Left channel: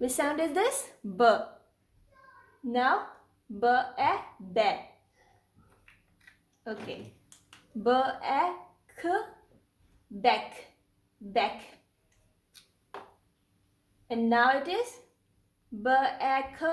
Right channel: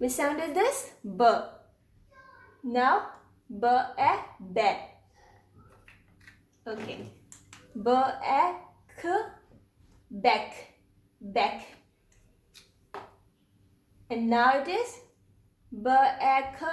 Which sound is this? B. Now B A B. Okay. B A K back back. And now it is B A K.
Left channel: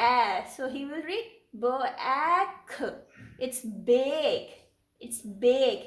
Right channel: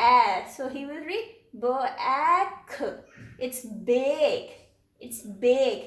A. So he will read B A K. It's bake. It's bake.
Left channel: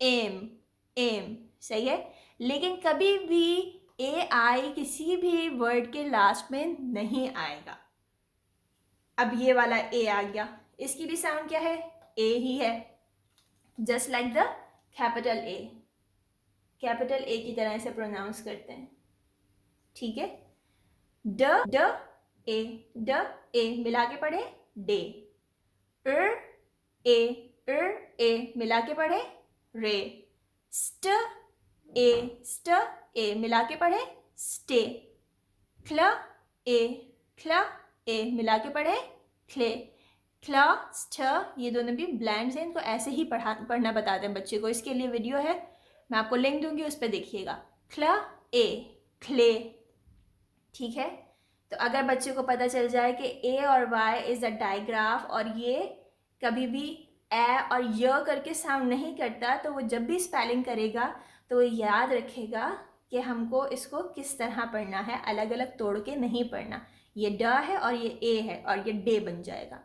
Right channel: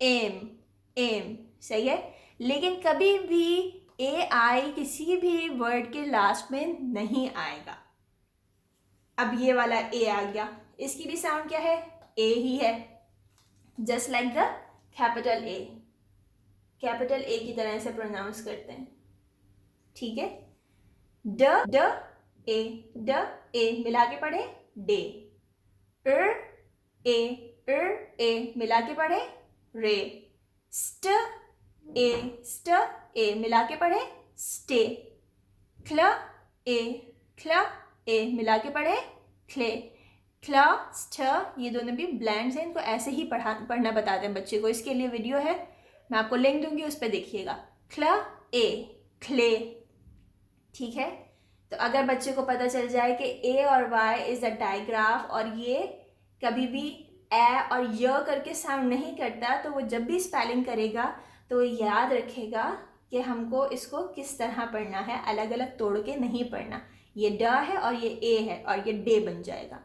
Hmm, hmm, सही है। लेकिन कभी भी ए आई किसी भी word के last में नहीं आएगा। अब ये वाला ए आ गया, इसकी भी साउंड क्या है, ए ही है, just like the capital A, capital A की तरह से प्रोनाउंस करते हैं, ठीक है। ड, ड, ए, ड, ए मिला के पढ़े डे, ए, ए मिला के पढ़े रे, स्ट, ए मिला के पढ़े स्टे, क्ल, ए मिला के पढ़े क्ले, क्ला, स्थ, ये दोनों भी ब्लैंड्स हैं, इनको ऐसे ही पढ़ना बताते हैं बच्चे को। इसके लिए वीडियो है, मैं आपको लिंक दूंगी, उस पर देखिएगा। क्ला, ए, क्ले, ठीक है। तो अगर बच्चे को पता चल जाए कि ए और वाई इज़ अ डाइग्राफ और ये कभी भी ए और य करके साउंड नहीं करता, तो वो जब भी स्पेलिंग करेगा तो वो याद रखेगा कि हमको इसको किस तरह पढ़ना है, अलग अलग तोड़ के नहीं पढ़ना। ये ड है और ये ए है और ये डे बन जाएगा।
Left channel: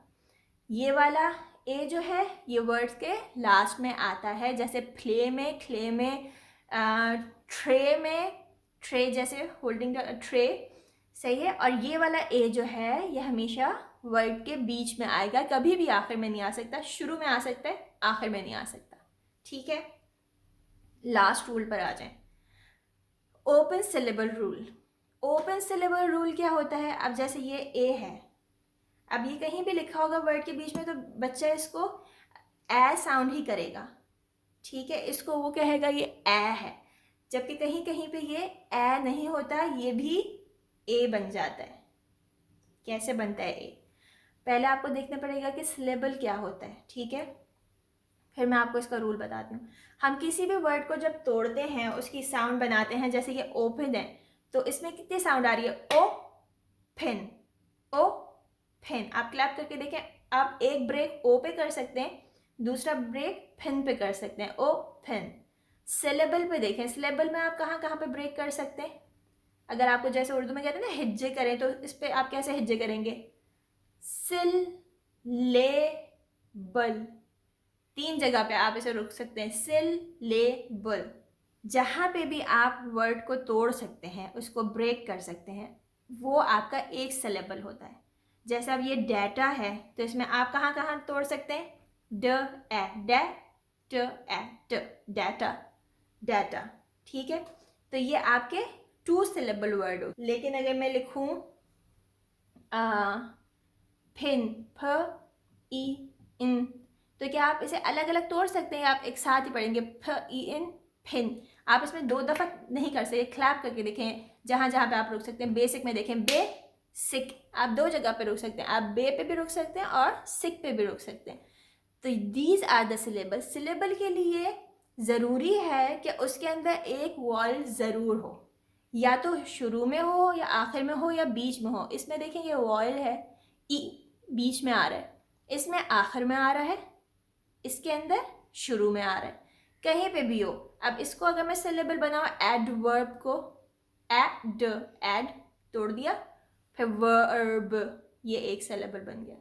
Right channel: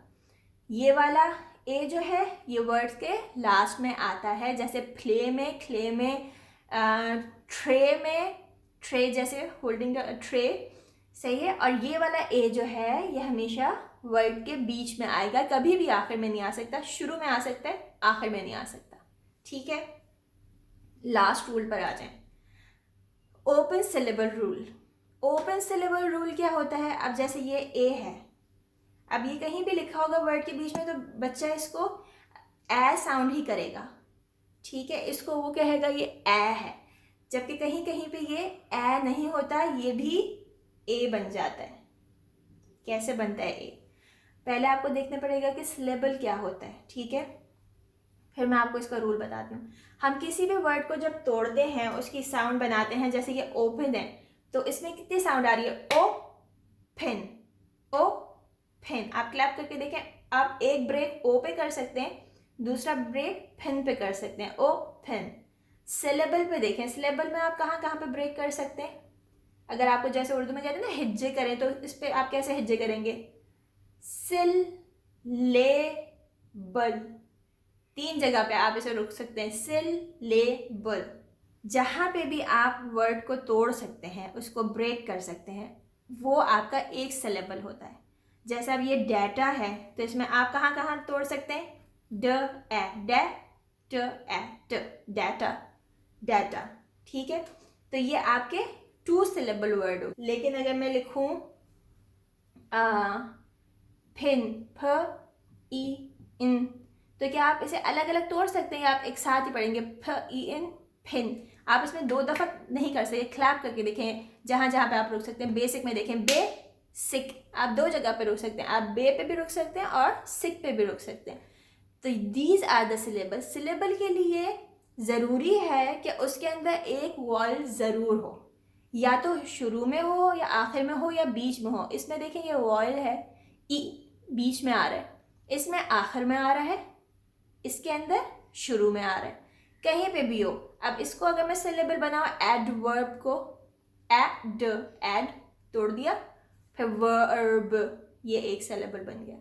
ये वाला ए जो है ये वर्ड्स के लास्ट में आता है, जैसे प्ले में, क्ले में, ट्रे में, ट्रे जैसे होल्डिंग ट्रे, सही है। और ये वाला ए जो है ये हमेशा वर्ड के बीच में आएगा, कभी भी आखिर में नहीं आ सकता, शुरू में आ सकता है, आखिर में नहीं आ सकता, ठीक है। लास्ट रूल पर आ जाएं, open syllable rule. Open syllable rule क्या होता है, अब जैसे ये ए है, अब ये कहीं भी लिखा होगा वर्ड के बीच में तो बच्चा इसको ए साउंड ही करेगा, ठीक है, इसको वो कहेगा ये ए है, जबकि कहीं कहीं पे ये ए नहीं होता, ये भी ए बन जाता है। कैसे बनता है ए, पहले आपको देखना पड़ेगा कि सिलेबल क्या होता है, ठीक है, फिर मैं आपको इसका रूल बताती हूँ। हम किसी भी वर्ड को जब तोड़ते हैं उसकी साउंड बनाते हैं, जैसे ये ओपन है तो इसमें कितनी साउंड आ रही है, ओ फिन, ओ फिन। आप क्लैप करके देखें, आप एक ब्रेक ओ पे कर सकते हैं, दूसरा ब्रेक फिन पे कर सकते हैं, ओ फिन। सिलेबल पे देखें, सिलेबल में आप कहाँ कहाँ पे ब्रेक कर सकते हैं, अगर आपको जैसे उर्दू में कहते हैं ना हिज्जे करें, तो इस पर आप कैसे हिज्जे करेंगे, सिल, ले, बल, 3 जगह पे आप इसे रुक सकते हैं, सिल, ले, बल। जहाँ पे भी आप वर्ड को तोड़ सकते हैं, उसको ब्रेक कर सकते हैं, वो आपका एक सिलेबल होता है। जैसे अब ये डाटा है तो इसमें आप कहाँ कहाँ तोड़ सकते हैं, ड, ए, डे, ट, ए, ट, डाटा, डाटा, ठीक है। तो ये आपके 2 सिलेबल वर्ड हो। लेकिन अगर मैं लिखूँ फिन, फ, ई, इन, तो क्या आप इसे अलग अलग तोड़ सकते हैं, आप एक साथ ही पढ़ेंगे, फ, ई, इन, फिन। आप इसमें 2 दफ़ा नहीं कर सकते, क्लैप करके देखें, जहाँ जहाँ पे आप रुक सकते हैं। बेसिक में देखें, बे, सिक, आप 2 जगह पे रुक सकते हैं, आप बे पे भी रुक सकते हैं और सिक पे भी रुक सकते हैं। तो these are the syllable. Syllable के लिए ज़रूरी है कि उसके अंदर एक वॉल ज़रूर हो, या तो शुरू में हो या आखिर में हो या बीच में हो। इसमें देखें ये वॉल है, ई बीच में आ रहा है, इसमें आखिर में आ रहा है, इसके अंदर शुरू में आ रहा है, कहीं पे भी हो। अब इसको अगर मैं सिलेबल बनाऊँ, एडवर्ब को, एड, एड तोड़ दिया, फिर वर्ब, ये एक सिलेबल बन गया,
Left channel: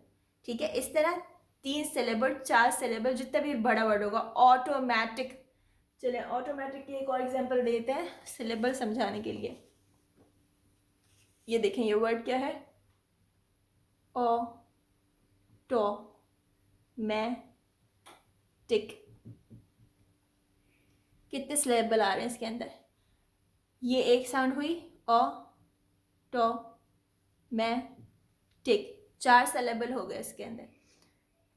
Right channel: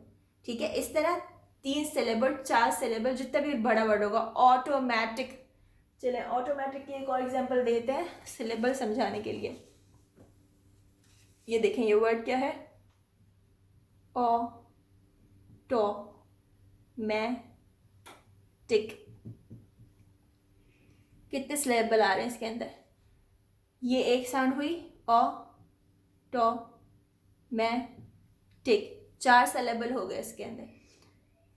ठीक है। इस तरह 3 सिलेबल, 4 सिलेबल, जितना भी बड़ा वर्ड होगा। ऑटोमेटिक, चले ऑटोमेटिक की एक और एग्जांपल देते हैं सिलेबल समझाने के लिए। ये देखें, ये वर्ड क्या है, ओ, टो, मैं, टिक। कितने सिलेबल आ रहे हैं इसके अंदर, ये एक साउंड हुई, ओ, टो, मैं, टिक, 4 सिलेबल हो गए इसके अंदर।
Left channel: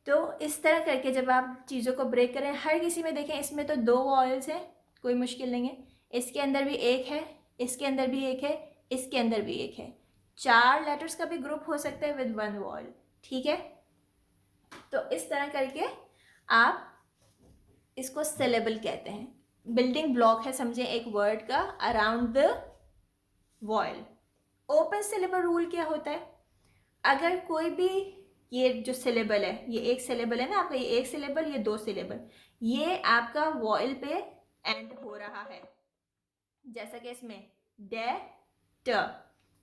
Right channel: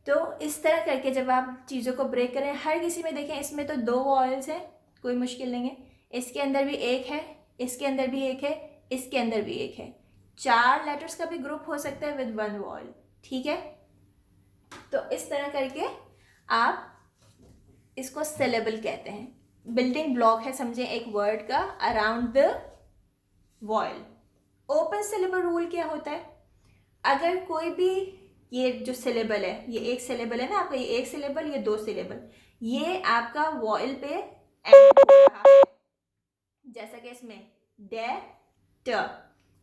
तो इस तरह करके जब आप चीज़ों को ब्रेक करें, हर किसी में देखें, इसमें तो 2 वॉयल्स हैं, कोई मुश्किल नहीं है, इसके अंदर भी एक है, इसके अंदर भी एक है, इसके अंदर भी एक है, 4 लेटर्स का भी ग्रुप हो सकता है विद 1 वॉयल, ठीक है। तो इस तरह करके आप इसको सिलेबल कहते हैं। बिल्डिंग ब्लॉक है, समझें, एक वर्ड का around the vial. Open syllable rule क्या होता है, अगर कोई भी, ये जो सिलेबल है, ये एक सिलेबल है ना आपका, ये एक सिलेबल, ये 2 सिलेबल, ये आपका वॉयल पे एंड हो रहा है, जैसा कि इसमें डे, ट,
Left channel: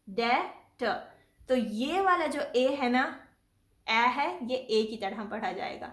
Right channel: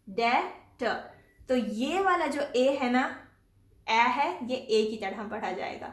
डे, ट, तो ये वाला जो ए है ना, ए है, ये ए की तरह पढ़ा जाएगा।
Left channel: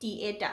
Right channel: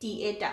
DATA,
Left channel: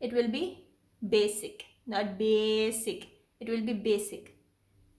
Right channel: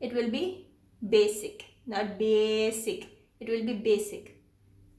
it will be basic, not basic, it will be basic.